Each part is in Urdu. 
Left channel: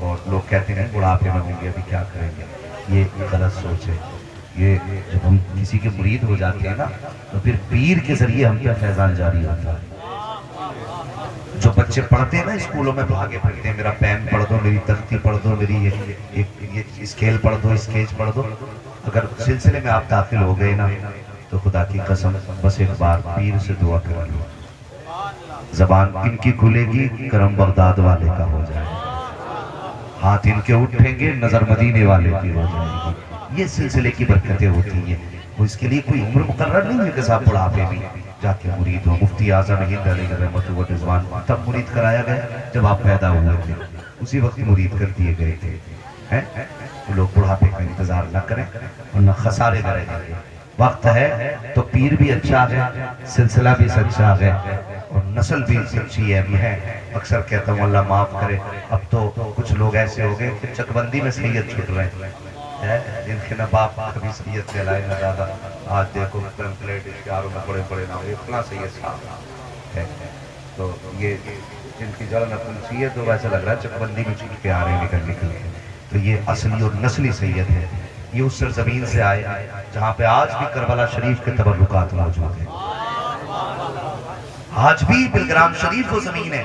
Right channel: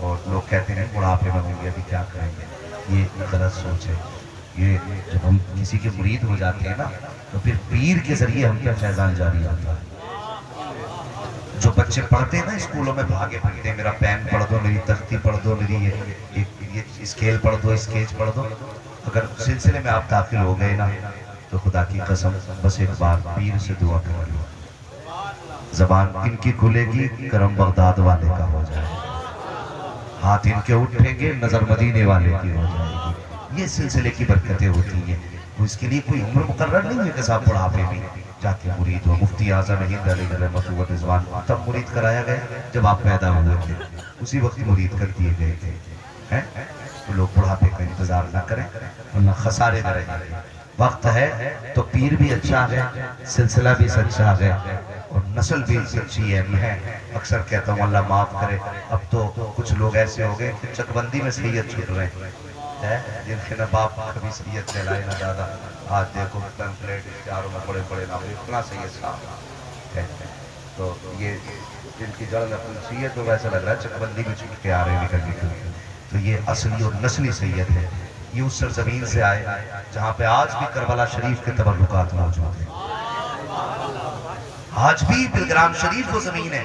اور لوگ کہتے ہیں بڑھاپے میں ہوں گے ابھی کیا کریں گے، یہ غلط سوچ ہے۔ یہ جب ہم کسی کے مرید ہو جاتے ہیں نا تو پھر پیر کے ذریعے ہم کیا فیضان جاری ہوتا ہے۔ جو بچے پڑھتے ہیں نا اسکولوں میں بھاگے پھرتے ہیں، میرا پین پڑھ دو، میری تختی پڑھ دو، میری یہ اسکیل پڑھ دو، اسکیچ پڑھ دو، اگر سلسلے میں آپ داخل ہو گئے نا تو خدا کی قسم بس ایک بار پیر سے دعا کر لو، زبان ان کی کھلے گی، کرم بغداد والے کا ہو جائے گا، ہاتھ ان کے اٹھیں گے، نظر مدینے والے کی ہو جائے گی۔ یہ سلسلے کی برکتیں ہوتی ہیں، تو اس کے لیے کوئی عمر مقرر نہیں ہے کہ صاحب بڑھاپے میں جا کے مرید ہو۔ مفتی اعظم ہند علیہ رحمۃ و رضوان تب مرید کرایا گیا جب آپ پیدا ہوئے تھے، اسی وقت مرید کر دیے گئے تھے۔ تو لوگ بڑھاپے کا انتظار نہ کریں ورنہ خسارے نہ رہیں گے۔ وقت ہے تو پیر بھی اچھا ہے، سلسلہ بھی سچا ہے، اور نسل بھی سچی ہے۔ اکثر کہتا ہوں اللہ معاف کرے، اب تو کچھ لوگ ایسے ہو گئے کہ چک بندی میں سید چھوٹ رہے ہیں، جن کے نہ باپ کبھی سید کہلائے نہ دادا، آج دیکھو پلیٹ اشتہاروں میں بڑے بڑے نام، اتنا سید صاحب ہے۔ تو یہ جن کی جڑ میں تلسی ہے تو ویسا لگ رہا ہے چک بندی میں چھٹ کے آ رہے ہیں نکل نکل کے۔ تو یہ اصلی اور نسلی سید ہے، یہ اس سرزمین سے آئے جہاں پہ آج بھی کربلا شریف کے تبرکات موجود ہیں۔ آج بھی بلگرام شریف وہ زمین ہے،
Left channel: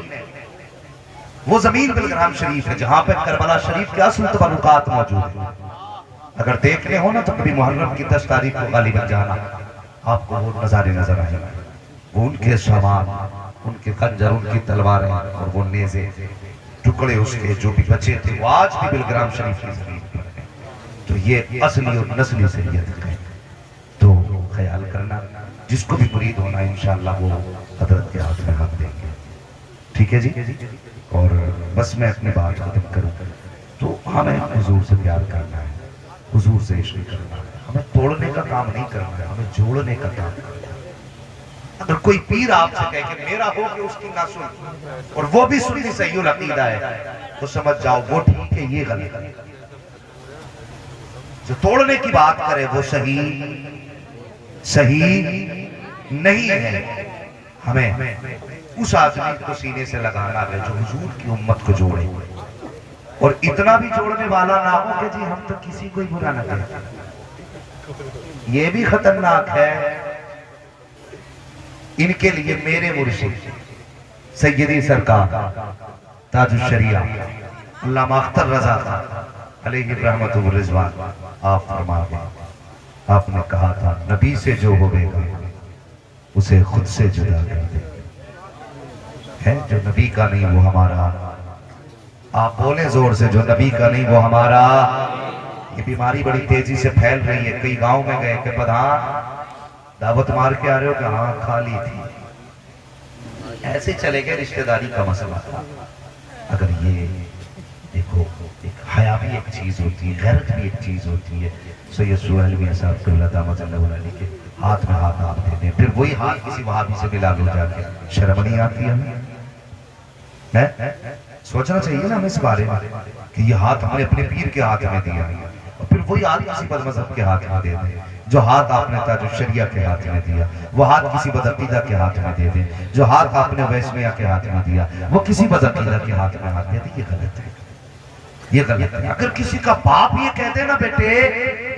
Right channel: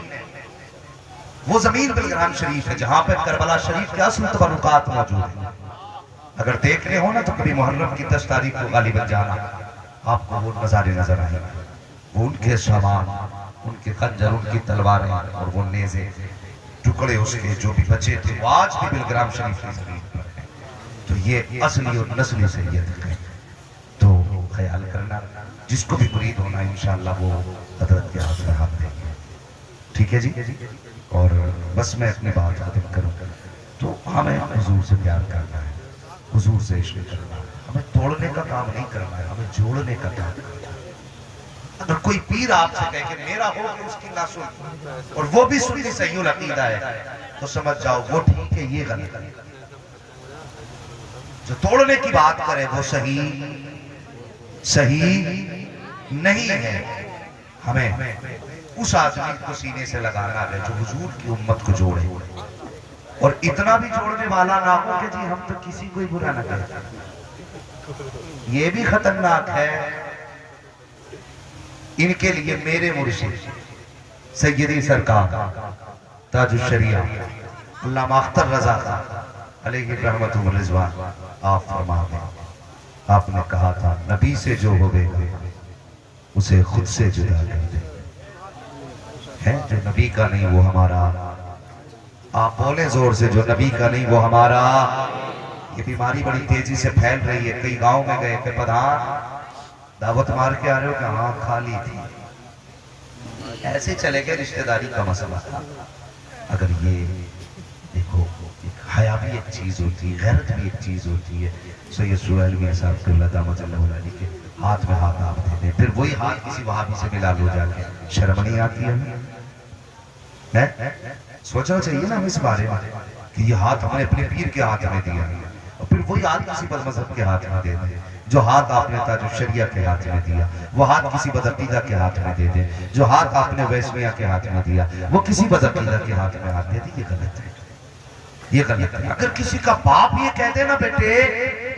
وہ زمین بلگرام شریف ہے جہاں پہ کربلا شریف کے اصل تبرکات موجود ہیں۔ اگر دیکھنے ہو نا تو کبھی محرم کی 10 تاریخ کو غالباً جانا، آپ کو وہ نظارے نظر آئیں، وہ ان کے سامان، ان کے خنجر، ان کی تلواریں اور وہ نیزے، ٹکڑے اس کے جو بھی بچے تھے، وہ آج بھی بلگرام شریف کی زمین پر ہیں۔ تو یہ اصلی اور نسلی سید ہے، تو خیال کرنا، جس کو بھی مرید ہونا انشاءاللہ وہ حضرت کے ہاتھ میں ہاتھ دیں گے، ٹھیک ہے جی۔ اور بس میں اپنی بات ختم کروں تو ہمیں حضور سے پیار کرنا ہے، حضور سے عشق کرنا ہے، ہمیں توڑنے کا کام نہیں کرنا ہے، ہمیں جوڑنے کا کام کرنا ہے۔ اگر کوئی پیر آپ سے کہے کہ میرا ہو کہ اس کی نہ سن، اور وہ بھی سنی صحیح العقیدہ ہے، تو سمجھ جاؤ وہ ٹھیک ہے، یہ غلط ہے۔ جو توڑنے کی بات کرے وہ صحیح نہیں ہے۔ ہمیں اس آدمی کو سینے سے لگانا ہے جو حضور کی امت کو جوڑے، اور اتنا بھی جوڑنے والا نہ ہو کہ جی ہم تو کسی کو ہی برا نہ کہتے۔ یہ بھی خطرناک ہے۔ ان کے لیے میرے مرشد سیدی سرکار تاج الشریعہ علامہ اختر رضا علیہ رحمۃ و رضوان آپ فرما گئے، آپ نے کہا تھا نبی سے جو ہوگے گا اسے خود سے جدا کر دے، ہے جو نبی کا نہیں وہ ہمارا۔ آپ بولیں زور سے، جو نبی کا نہیں وہ ہمارا۔ یہ بیماری بڑی تیزی سے پھیل رہی ہے۔ کئی گاؤں میں گئے کہ پدھان دعوت مار کے آ رہے ہو کہ ہاں خالی تھی، ایسے چلے گئے، رشتہ داری کا مسئلہ تھا۔ اگر یہ دیکھو، ایک حیا بھی ایک چیز ہوتی ہے، غیرت بھی ایک چیز ہوتی ہے۔ سید سہیل میاں صاحب کو اللہ دامت اللہ علیہ کے ہاتھ میں ہاتھ آپ دیتے ہیں، پھر وہی ہاتھ کسی وہابی سے ملا لو جا کے، شرم نہیں آتی ہمیں؟ سوچنا چاہیے نا ہمیں اس بارے میں کہ یہ ہاتھ ہم نے اپنے پیر کے ہاتھ میں دیا، اور پھر وہی ہاتھ کسی بد مذہب کے ہاتھ میں دے دے۔ جو ہاتھ آپ نے تاج الشریعہ کے ہاتھ میں دیا وہ ہاتھ کسی بدعقیدہ کے ہاتھ میں دے دے، جو ہاتھ آپ نے ویس میاں کے ہاتھ میں دیا وہ کسی بدعقیدہ کے ہاتھ میں ہاتھ دے دے، یہ غلط ہے، یہ غلط ہے۔ اگر کسی کا باپ یہ کہہ دے نا بیٹے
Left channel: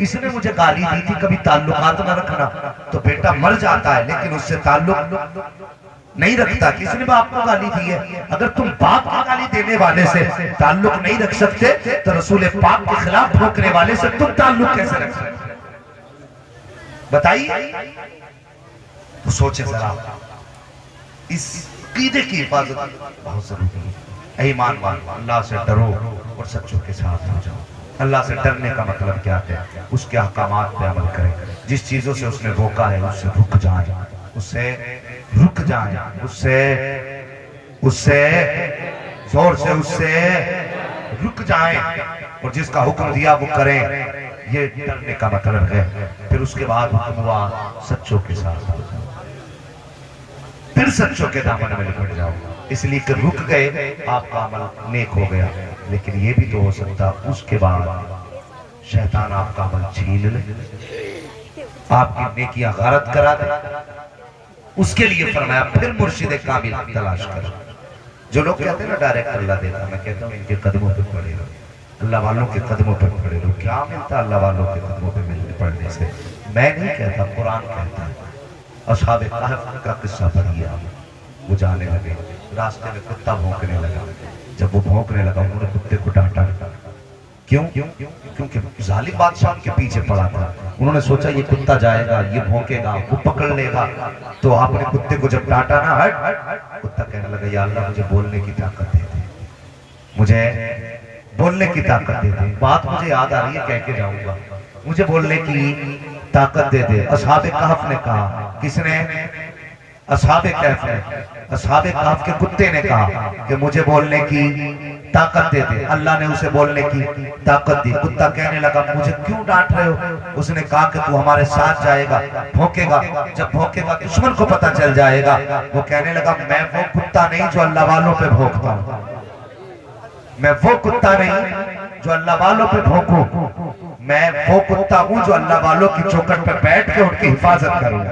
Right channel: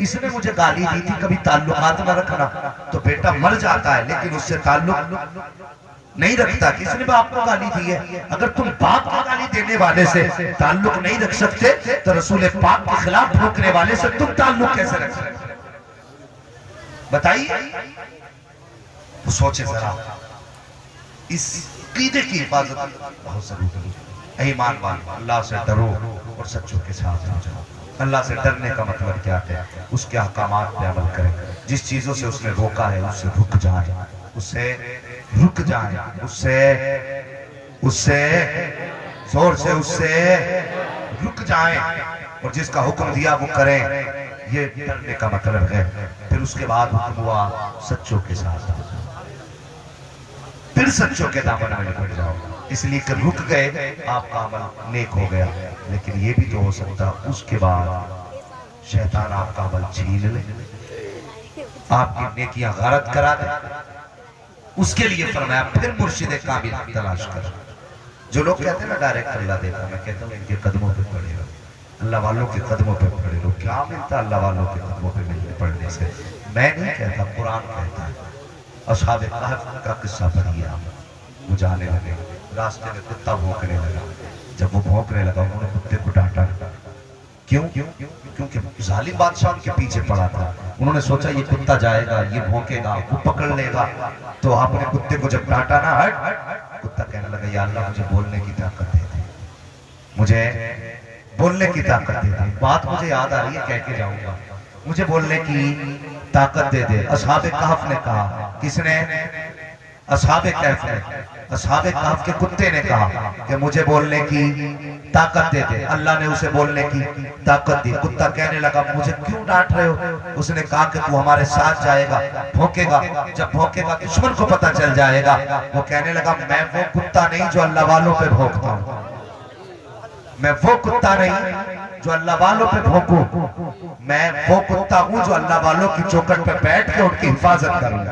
اس نے مجھے گالی دی تھی کبھی تعلقات نہ رکھنا، تو بیٹا مر جاتا ہے لیکن اس سے تعلق نہیں رکھتا۔ کس نے باپ کو گالی دی ہے؟ اگر تم باپ کو گالی دینے والے سے تعلق نہیں رکھ سکتے تو رسول پاک کے خلاف بھوکنے والے سے تم تعلق کیسے رکھ سکتے؟ بتائیے۔ تو سوچے ذرا، اس عقیدے کی حفاظت بہت ضروری ہے۔ اے ایمان والو، اللہ سے ڈرو اور سچوں کے ساتھ ہو جاؤ۔ اللہ سے ڈرنے کا مطلب کیا ہے؟ اس کے احکامات پہ عمل کریں، جس چیزوں سے اس نے روکا ہے اس سے رک جائیں، اس سے رک جائیں، اس سے زور سے اس سے رک جائیں، اور جس کا حکم دیا وہ کریں۔ یہ ڈرنے کا مطلب ہے۔ پھر اس کے بعد حکم ہوا سچوں کے ساتھ، پھر سچوں کے دامن میں لپٹ جاؤ، اس لیے کہ رک گئے آپ کا عمل نیک ہو گیا، لیکن یہ بھی تو ہو سکتا اس کے بعد شیطان آپ کا عمل چھین لے، آپ کی نیکیاں غارت کرا دے۔ اس کے لیے فرمایا پھر مرشد کامل تلاش کر۔ جو لوگ کہتے ہیں نا ڈائریکٹ اللہ دیکھا، میں کہتا ہوں ان کے قدموں پہ پڑے رہو۔ اللہ والوں کے قدموں پہ پڑے رہو. کیا ملتا اللہ والوں کے قدموں پہ پڑھنے سے؟ میں نہیں کہتا، قرآن کہتا ہے. اصحاب کہف کا قصہ پڑھیے آپ. وہ جانے لگے، راستے میں کتا بھونکنے لگا. جب وہ بھونکنے لگا انہوں نے کتے کو ڈانٹا. کیوں؟ کیونکہ ظالم بادشاہ ان کے پیچھے پڑا تھا. انہوں نے سوچا یہ کتا جائے گا، یہ بھونکے گا، وہ پکڑ لے گا. تو آپ نے کتے کو جب ڈانٹا نا، ہٹ، کتا کہنے لگا یا اللہ مجھے بولنے کی طاقت دے دے، مجھے بولنے کی طاقت دے دے. بات مجھے یاد آ رہی ہے، کہہ کے جاؤں گا، مجھے بولنے کی طاقت دے دے. اصحاب کہف نے کہا. کس نے؟ اصحاب کہف نے. اصحاب کہف کے کتے نے کہا کہ مجھے بولنے کی طاقت دے دے. اللہ نے اسے بولنے کی طاقت دی. کتا کہنے لگا مجھے کیوں ڈانٹ رہے ہو؟ اس نے کہا کہ تو ہمارے ساتھ جائے گا، بھونکے گا. جب بھونکے گا دشمن کو پتہ چل جائے گا. وہ کہنے لگا میں وہ کتا نہیں جو اللہ والوں پہ بھونکتا ہوں. میں وہ کتا نہیں جو اللہ والوں پہ بھونکوں. میں وہ کتا ہوں جو اللہ والوں کی چوکھٹ پہ بیٹھ کے ان کی حفاظت کروں.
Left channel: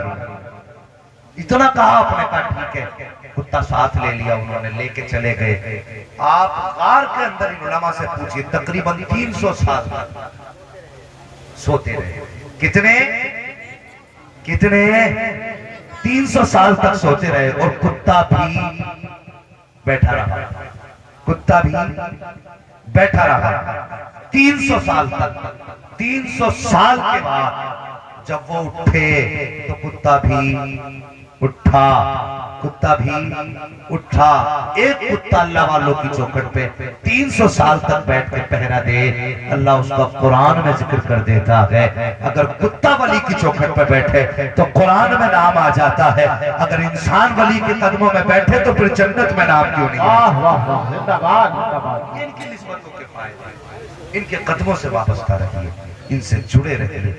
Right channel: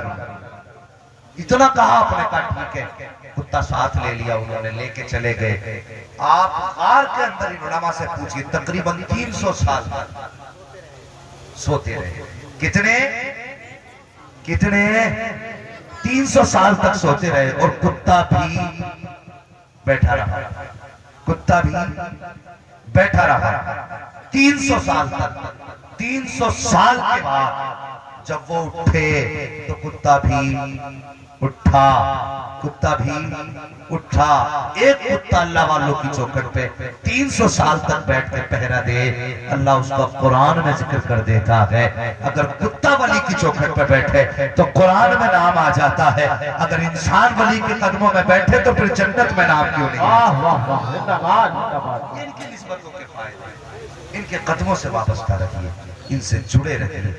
اتنا کہا. آپ نے کہا ٹھیک ہے. کتا ساتھ لے لیا، انہوں نے لے کے چلے گئے. آپ غار کے اندر ان علماء سے پوچھئے تقریباً 300 سال سوتے رہے. کتنے 300 سال تک سوتے رہے. اور کتا بھی بیٹھا رہا. کتا بھی بیٹھا رہا 300 سال تک. 300 سال کے بعد جب وہ اٹھے تو کتا بھی اٹھا. کتا بھی اٹھا. ایک کتا اللہ والوں کی چوکھٹ پہ 300 سال تک بیٹھ کے پہرا دے. اللہ اس کا قرآن میں ذکر کر دیتا ہے. اگر کتا ولی کی چوکھٹ پہ بیٹھے تو قرآن میں نام آ جاتا ہے. اگر انسان ولی کے قدموں میں بیٹھے تو پھر جنت میں نام کیوں نہیں؟ ان کی نسبتوں کے فائدے، ان کے قدموں سے وابستہ رہیے، ان سے جڑے رہیے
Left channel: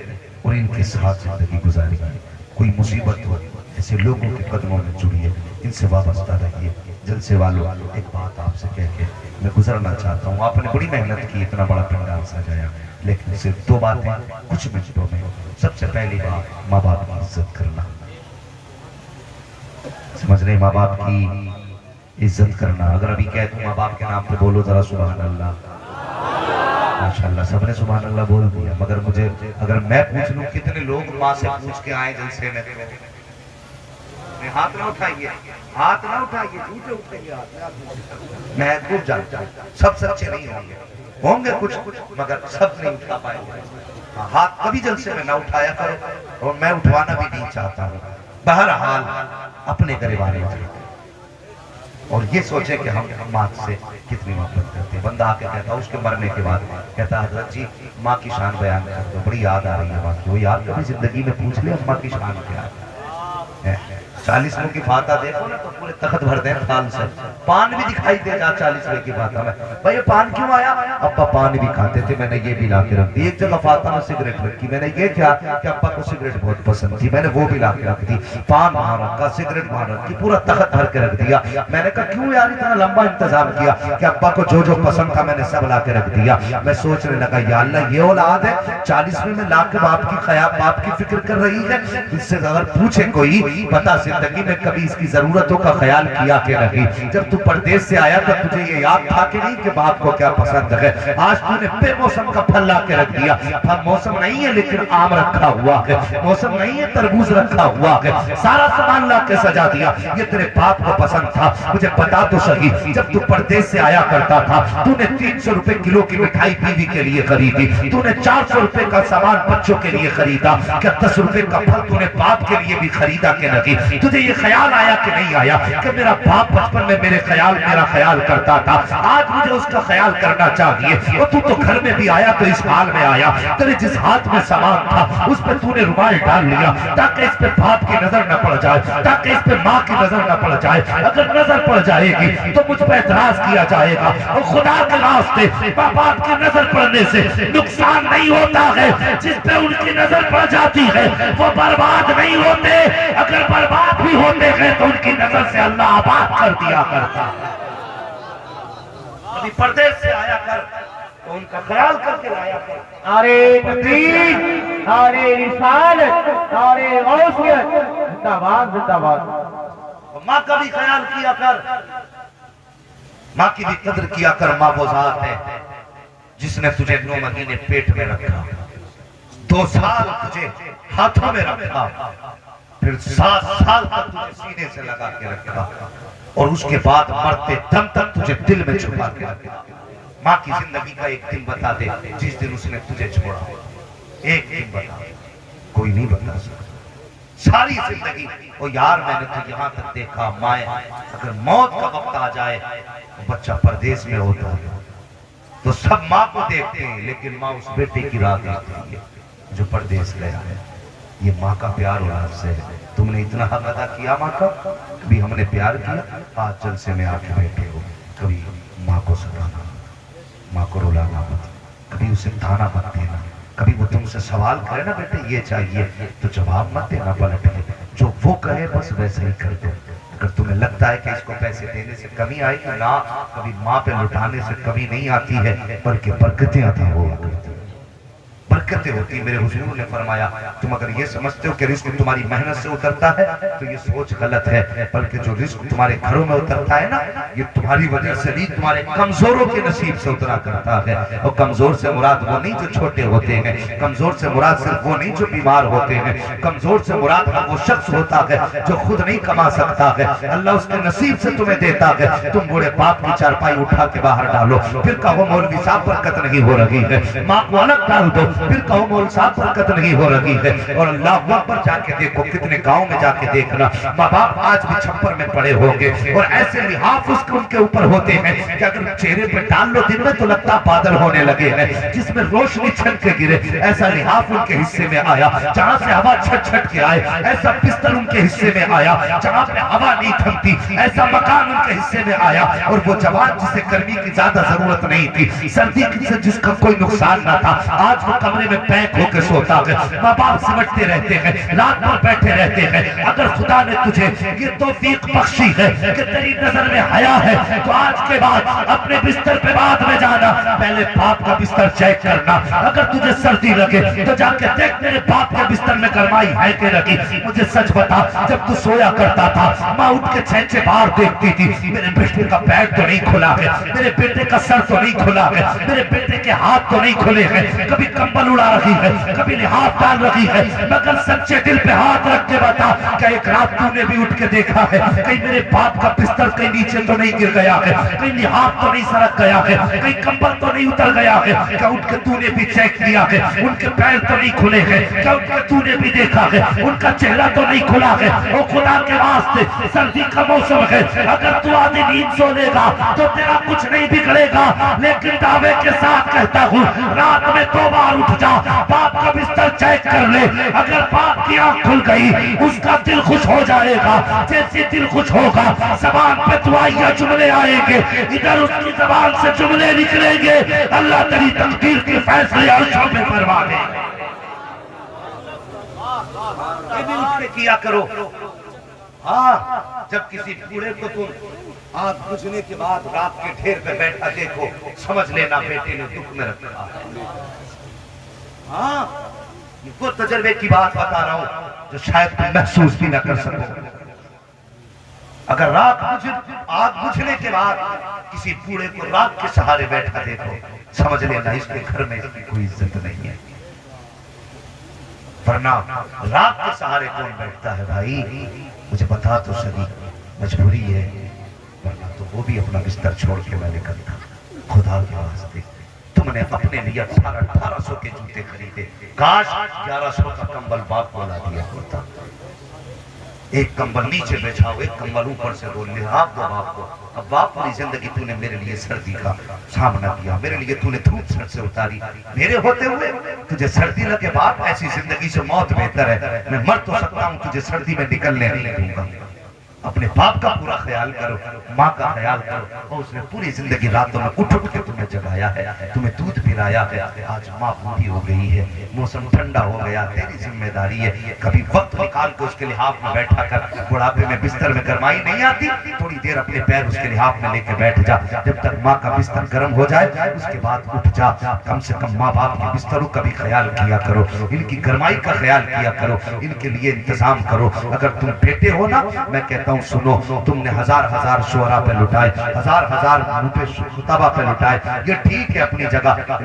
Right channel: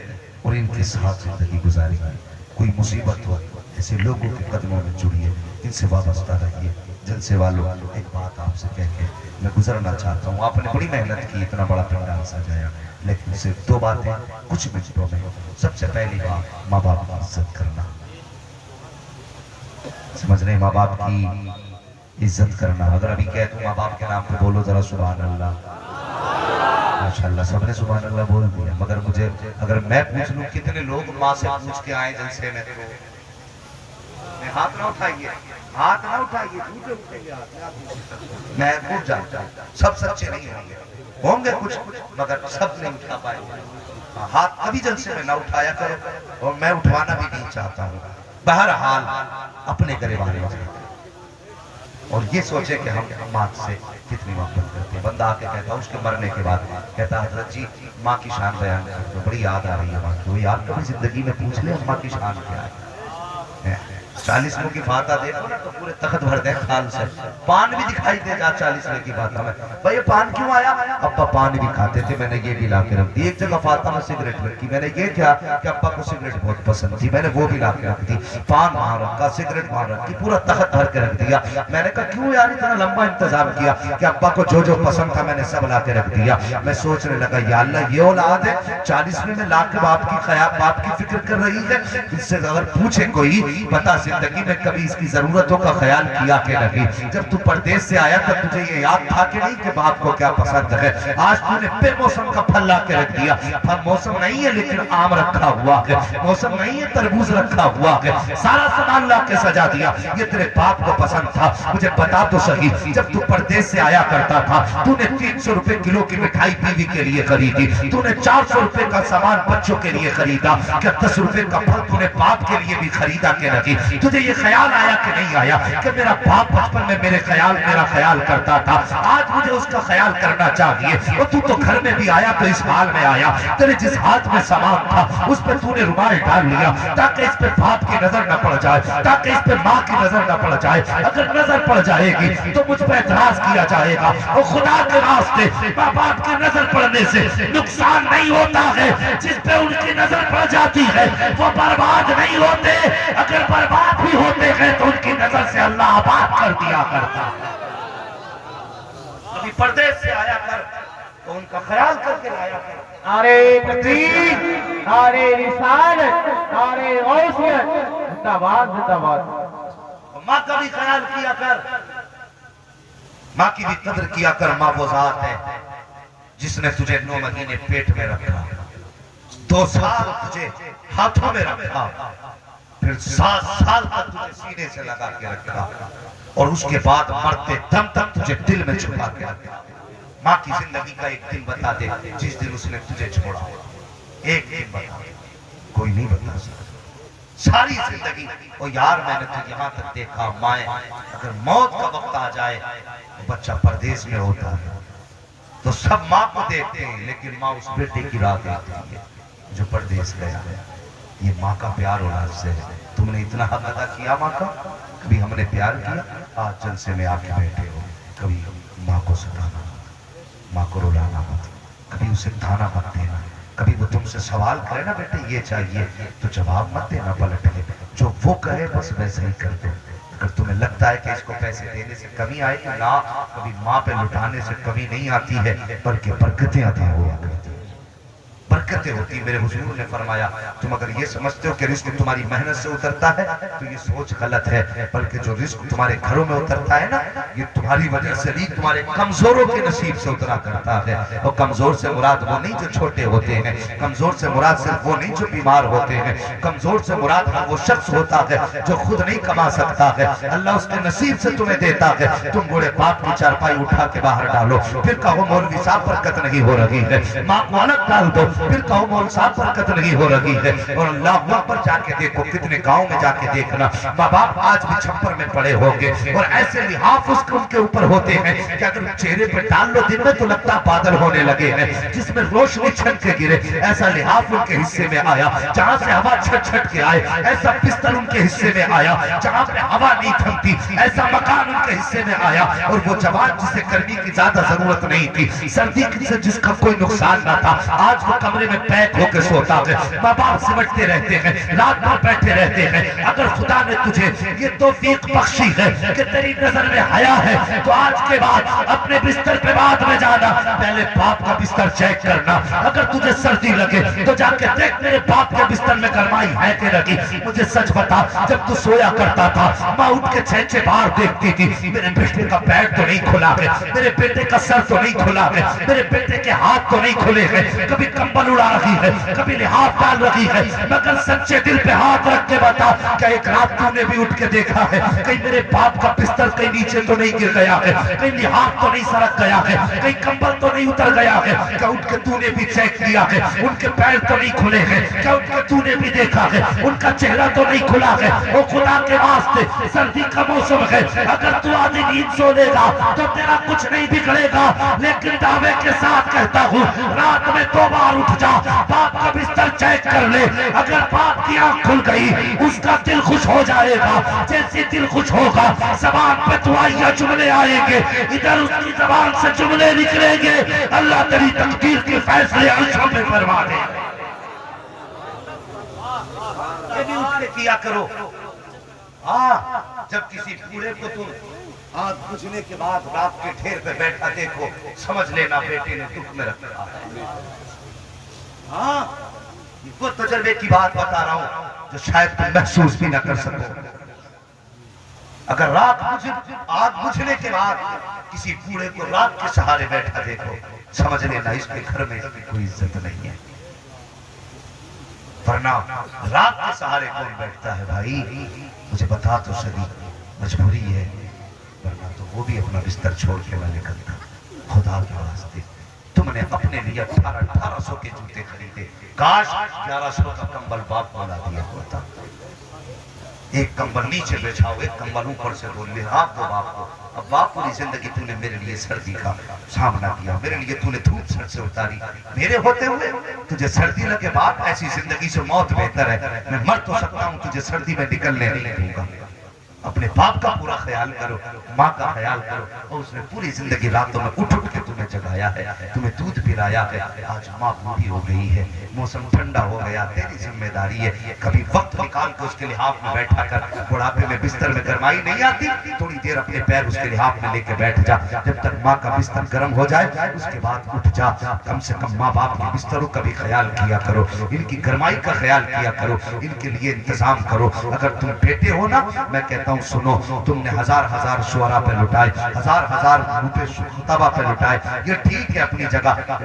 اور ان کے ساتھ زندگی گزاریے. کوئی مصیبت ہو ایسے لوگوں کے قدموں میں جڑیے، ان سے وابستہ رہیے. جلسے والوں ایک بات آپ سے کہہ کے میں گزرنا چاہتا ہوں. آپ نے بڑی محنت کی، اتنا بڑا پنڈال سجایا، لیکن صرف 2 باتیں کچھ منٹوں میں. سب سے پہلی بات ماں باپ کی عزت کرنا. سمجھ رہے؟ ماں باپ کی عزت کرنا. اگر ابھی کہہ دوں ماں باپ کے نام پہ بولو ذرا سبحان اللہ. ماشاءاللہ سب نے سبحان اللہ بول دیا. مگر مجھے اگر میں پوچھ لوں کتنے لوگ ماں سے پوچھ کے آئے جلسے میں؟ ہاتھ نہ اٹھائیے، ہاتھ نہ اٹھائیے، جھوٹے اٹھیں گے ہاتھ. میں خوب جانتا ہوں سب سچے نہیں ہوں گے، ہوں گے کچھ مگر سب نہیں اٹھا پائے گے. ہاتھ کبھی جلسے میں نہ اٹھایا کرو، اور میں اٹھوانا بھی نہیں چاہتا ہوں. بہرحال اپنے گریبان والے اور یہ سوچے کہ ہم ماں سے کتنی محبت کرتے ہیں. بندہ آ کے کہتا اس کے مرنے کے بعد کہتا حضرت جی ماں کی شان بیان کر دو، بڑی یاد آ رہی ہے ماں کی. وہ یاد کبھی زندگی میں پوچھ لے ماں کی شان کیا ہے. 40 کی فاتحہ دیکھو نا تو پورے تخت بھر دیں پان سے. پان بھی دکھائی دے گا 40 کی فاتحہ میں. بھائی پان کیوں آیا؟ ابا پان بھی کھاتے تھے، میں نے یہ بھی لا کے رکھ دی. ایک جگہ فاتحہ میں سگریٹ رکھی، میں نے یہ کیا کہ ابا کو سگریٹ بہت پسند تھی، میں نے وہ بھی لا کے رکھ دی. پان وہاں رکھا، سگریٹ وہاں رکھی، پورا تخت بھر کے رکھ دیا. میں نے کہا کیوں یار اتنا لمبا انتظام کیا؟ کہ ابا کو جو جو پسند تھا میں نے سب لا کے رکھ دیا. میں سوچنے لگا یا اللہ یہ اولاد ہے 40ویں میں لا کے باپ کی فکر کر رہی ہے. اس سے اگر پوچھے کوئی بتا زندگی میں کبھی اس کی ضرورتوں کا خیال کیا کہ نہیں؟ جب تو پردیس سے آیا تھا تجھے یہ یاد تھا کہ نہیں کہ باپ کو کیا پسند ہے؟ آج تو نے بے موسم کا پھل لا کے رکھ دیا. پھل موسم نہیں ہے لیکن آم رکھا ہوا ہے، موسم نہیں ہے تربوز رکھا ہوا ہے، سارا سامان لا کے سجا دیا. یہ تیرے باپ کو پسند تھا. مجھے بتا تو صحیح، جب تو پردیس سے آیا کرتا تھا تو نے 300 روپے کلو کی مٹھائی بیوی کے لیے خریدی، تو نے 400 روپے کا سامان بچوں کے لیے خریدا. کیا 10 روپے کا پھل تو نے باپ کے لیے بھی خریدا کہ نہیں؟ تجھے یہ خیال آیا کہ نہیں آیا کہ میرا باپ بچپن میں میرا خیال کرتا تھا، آج مجھے اس کا خیال کرنا چاہیے. اور تو گھر میں بھی آیا تو اس حال میں آیا، تیرے جس ہاتھ میں سامان تھا اس پہ تو نے رومال ڈال لیا تاکہ اس پہ باپ کی نظر نہ پڑ جائے، تاکہ اس پہ ماں کی نظر نہ پڑ جائے. اگر نظر پڑ جائے گی تو مجھ پہ اعتراض کیا جائے گا. اور خدا کے راستے باپ کی نظر پڑنے سے نقصان نہیں ہوتا ہے. جس پہ ان کی نظر پڑ جاتی ہے وہ برباد نہیں ہوتے، اگر برباد بھی ہوتے ہیں تو ان کی نظر سے اللہ آباد کر دیا کرتا. ابھی پردیس سے آیا کر تو ان کا خیال کر کے لایا کر. نعرے تکبیر، نعرے رسالت، نعرے غوثیت، زندہ باد زندہ باد. ماں کا بھی خیال کیا کر، ماں کی بھی قدر کیا کر. ماں وہ ذات ہے جس نے تجھے 9 مہینے پیٹ میں رکھا، 2 سال تجھے ہاتھوں میں رکھا، پھر 7 سال تک تجھے سینے سے لگا کے رکھا، اور اس کے بعد مرتے دم تک تجھے دل میں چھپا کے رکھا۔ ماں کی زندگی کا ایک دن بتا دے جس دن اس نے تجھے چھوڑا، ایک دن بتا دے، کوئی نہیں بتا سکتا۔ ساری زندگی او یار میں نے تو یہاں تک دیکھا، مائیں اگر موت کا وقت آ جائے، بچہ پردیس میں ہوتا ہے تو سب ماں کو دیکھتے ہیں، لیکن ماں اس بیٹے کی راہ دیکھتی ہے جو پردیس گیا ہے۔ یہ ماں کا پیار اولاد سے ہے۔ تم نے اتنا حق ادا کیا ماں کا، کبھی ہم نے پیار کیا؟ آج جلسے میں آ کے بیٹھے ہو، کبھی ماں کو ستانا، ماں کو رولانا مت، کبھی اسے تانا مت دینا، کبھی وہ تم سے سوال کرے نا بیٹے یہ چاہیے تو جواب مت دینا، پلٹ کے جو وہ کہے بس ویسے ہی کر دو۔ اگر تمہیں لگتا ہے کہ اس کو پیسے دینے سے کمی آئے گی، نہ، کبھی ماں پہ لٹانے سے کمی نہیں آتی ہے، بلکہ برکتیں عطا ہوا کرتی ہیں، برکتیں ہوتی ہیں۔ میرے حضور نے فرمایا تم اگر یہ سمجھتے ہو کہ رزق تمہاری محنت سے اترتا ہے تو یہ سوچ غلط ہے، بلکہ جو رزق تمہارے گھروں میں اترتا ہے نا، یہ تمہاری وجہ سے نہیں، تمہارے کمزوروں کے نصیب سے اترا کرتا ہے۔ اور کمزور سے مراد وہ نہیں جو چھوٹے ہوتے ہیں، کمزور سے مراد صرف وہ نہیں جو بیمار ہوتے ہیں، کمزور سے مراد وہ شخص ہوتا ہے جو خود نہیں کما سکتا ہے، اللہ اس کے نصیب سے تمہیں دیتا ہے۔ تم بوڑھے باپ کی چارپائی اٹھا کے باہر ڈالو، پھر کہو مولوی صاحب برکت نہیں ہو رہی ہے، ماں کو الگ ڈال دو، پھر کہو مولوی صاحب برکت نہیں ہو رہی ہے۔ اور اللہ اکبر جا کے دیکھو، کتنے گاؤں میں جا کے دیکھنا، ماں باپ آج بھی چھپر میں پڑے ہوں گے، اور ایسے لحاف اس کے ان کے اوپر ہوتے ہیں کہ اگر چہرے پہ ڈال لو دن میں تو لگتا بادل ہونے لگے ہیں، جس میں روشنی چھن کے گرے، ایسا لحاف ان کے حصے میں آیا جہاں سے ہوا چھٹ چھٹ کے آئے، ایسا بستر ان کے حصے میں آیا جہاں پہ ہوا نہیں تھمتی، ایسا مکان ان کے حصے میں آیا، اور وہ جوان جسے گرمی کی زیادہ ضرورت نہیں تھی، سردی سے جس کا کوئی نقصان نہ تھا، آج وہ کمرے میں پیک ہو کے سوتا ہے، ماں باپ سمجھتے رہتے ہیں، رات بھر بیٹھے رہتے ہیں۔ اگر خدا نے تجھے یہ توفیق بخشی ہے کہ تیری نظر میں حیا ہے تو آج کے بعد اپنے بستر پہ بعد میں جانا، پہلے باپ کا بستر چیک کرنا، اگر تجھے سردی لگے تو جا کے دیکھ میرے باپ کے بستر میں گرمائی ہے کہ نہیں۔ مجھے سچ بتا، جب تو سویا کرتا تھا ماں اٹھ کے چھینچے باہر دیکھتی تھی، میرے بیٹے کا پیر تو نہیں کھلا ہے، میرے بیٹے کا سر تو نہیں کھلا ہے، میرے بیٹے کے ہاتھ تو نہیں کھلے ہیں، کبھی کمبل اڑا رہی ہے، کبھی لحاف ڈال رہی ہے، مگر سچے دل پہ ہاتھ رکھ کے بتا کہ ایک رات تو نے بھی اٹھ کے دیکھا ہے کہیں میرے باپ کا بستر کہیں نیچے تو نہیں گر گیا ہے، کہیں لحاف تو نہیں سرک گیا ہے، کہیں کمبل تو نہیں اتر گیا ہے، کیا اٹھ کے تو نے بھی چیک کیا ہے ان کے پیر تو نہیں کھلے ہیں، کیا اٹھ کے تو نے بھی دیکھا ہے ان کا چہرہ تو نہیں کھلا ہے۔ وہ خدا کے واسطے سردی کا موسم ہے، اگر تو آدھی نیند سو لے گا تو تیرا کچھ نہیں بگڑے گا، لیکن دعوے کے ساتھ کہتا ہوں رات میں 2 بار اٹھ جا، باپ کا بستر چیک کر لے، اگر باپ کی آنکھ کھل گئی اس کا دل خوش ہو جائے گا، جیسے دل خوش ہوگا زبان پہ دعائیاں جملے آئیں گے، ادھر اس کی زبان سے جملے نکلیں گے، اللہ تیری تقدیر کے فیصلے عرشوں میں فرما دے۔ یہ بھی اٹھ کے کیا کرو۔ ہاں، جب کسی بوڑھے کو تم آگ بجھنے کے بعد رات کے ڈھیر پہ بیٹھا دیکھو، سمجھ لینا بیٹے نے دکھ میں رکھا ہے۔ ہاں، یہ وہ تجربے کی بات بتا رہا ہوں جو شاید تم محسوس بھی نہ کر سکو۔ اگر آگ بجھنے کے بعد کسی بوڑھے کو رات کے سہارے بیٹھا دیکھو، سمجھ لینا اس کے گھر میں اس کی کوئی عزت نہیں ہے، ورنہ رات کے سہارے کون بیٹھتا ہے بھائی؟ مجھے بتا تو صحیح، مجبوری ہے، ورنہ تو وہ بھی اپنا بستر چھوڑ کے نہ نکلتا۔ خدا کے واسطے تم نے اپنے لیے 1800 کے جوتے خریدے، کاش 1100 کا کمبل باپ کو لا دیا ہوتا۔ ایک کمبل نیچے بچھاؤ، ایک کمبل اوپر سے دو، لحاف دو باپ کو۔ اب باپ پوری زندگی تو نے میرے لیے سردی کا سامنا کیا، میرے لیے تو نے دھوپ سر سے اتاری، میرے ہوتے ہوئے تجھے سردی لگے باپ، ایسی زندگی سے موت بہتر ہے۔ میں مر تو سکتا ہوں، تجھے سردی میں نکلنے نہیں دوں گا۔ اپنے باپ کا پورا خیال کرو، ماں کا خیال کرو، اور اس نے پوری زندگی راتوں میں اٹھ اٹھ کے تمہیں جگایا ہے، تمہیں دودھ پلایا ہے۔ آج ماں بوڑھی ہو گئی ہے، موسم ٹھنڈا ہو گیا، تیری ذمہ داری ہے کبھی وقت نکال کے اس کے لحاف میں بیٹھا کر، بڑھاپے میں بستر میں گرمائی نہیں آتی، تھوڑی دیر اپنے پیر اس کے لحاف میں لے کے بیٹھ جا، جب تک ماں کا بستر گرم ہو جائے اس کے بعد اٹھ جا۔ کم سے کم ماں باپ کے بستروں کا بھی خیال کیا کرو، ان کی گرمائی کا خیال کیا کرو، ان کے لیے انتظام کرو۔ اگر تم بیٹے ہو نا، میں کہتا ہوں سنو، تم نے ہزار شعراء پہ لٹائے، ہزار خطبہ پہ لٹائے، یہ ٹھیک ہے اپنی جگہ،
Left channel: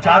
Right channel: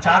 4